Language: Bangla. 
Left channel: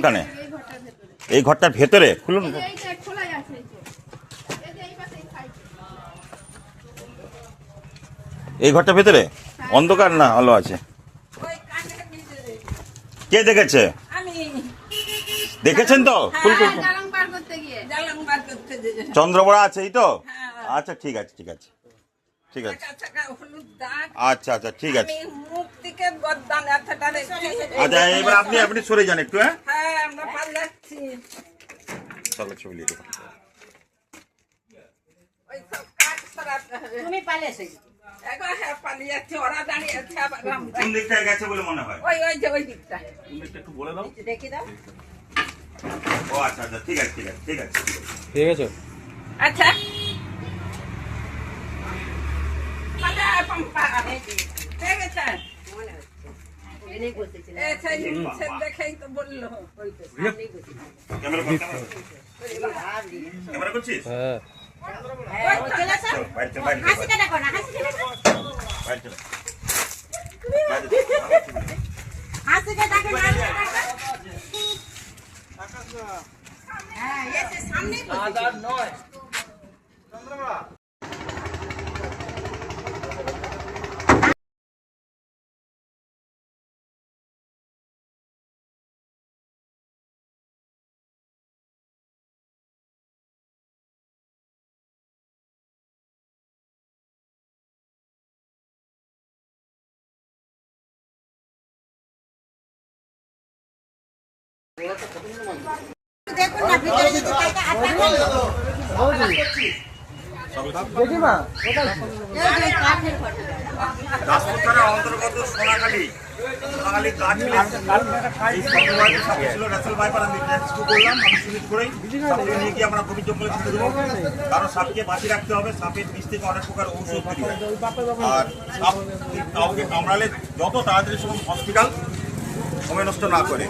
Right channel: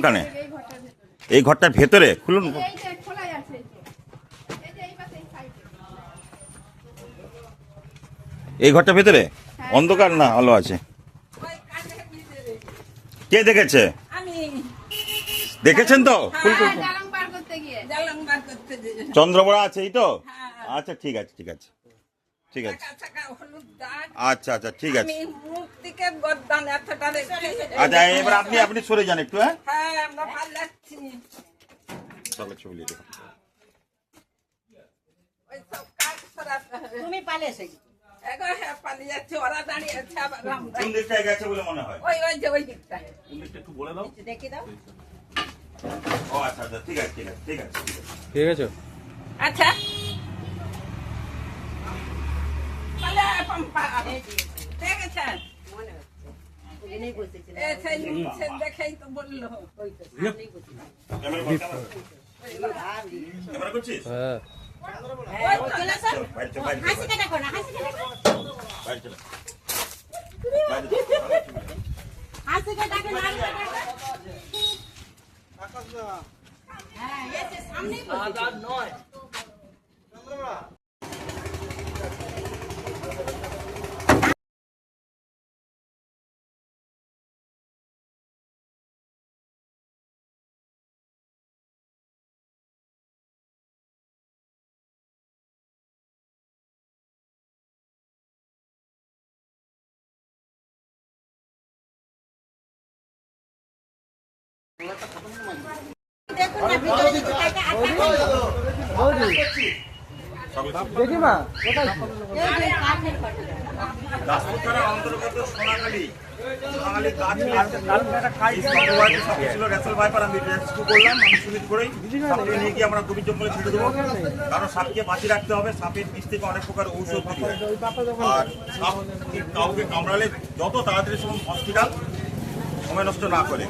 ওখানে এই ঘরটার ভেতরে খুলুন। এই ঘরটার ভেতরে অন্ধকার না আলো আছে? কে দেখেছে? দেখেছেন তো? চন্দ্রবড়া আছে এই তো? আচ্ছা ঠিক আছে ঠিক আছে ঠিক আছে আচ্ছা আচ্ছা ঠিক আছে আচ্ছা এবার আপনি আপনি সরে যান একটু। হ্যাঁ চলো ছবি লিখে কোন দিকটায় গেছে বলে মনে হয়? ওই দিকটা একটু বলে দাও। দেখে দাও। ও আচ্ছা আচ্ছা ঠিক আছে ঠিক আছে ঠিক আছে ঠিক আছে আচ্ছা দেখেই তো বললো ক্যামেরা করছিস? রাজপুতরা অন্তর্গত সোনাখালী গাছ ছিল রেসেল ভাইপার আমি রেস্কিউ করলাম। আমি সিমিট করেই সাপকে নিয়ে গিয়ে আমরা গভীর জঙ্গলে ছেড়ে দেবো, কারণ সাপকে বাঁচিয়ে রাখতে হবে। সাপের বিষ থেকে অনেক প্রকার ঔষধ তৈরি হয়, আর সাপ কাউকে কামড়ালে যত তাড়াতাড়ি সম্ভব হসপিটাল, সময় নষ্ট না করে।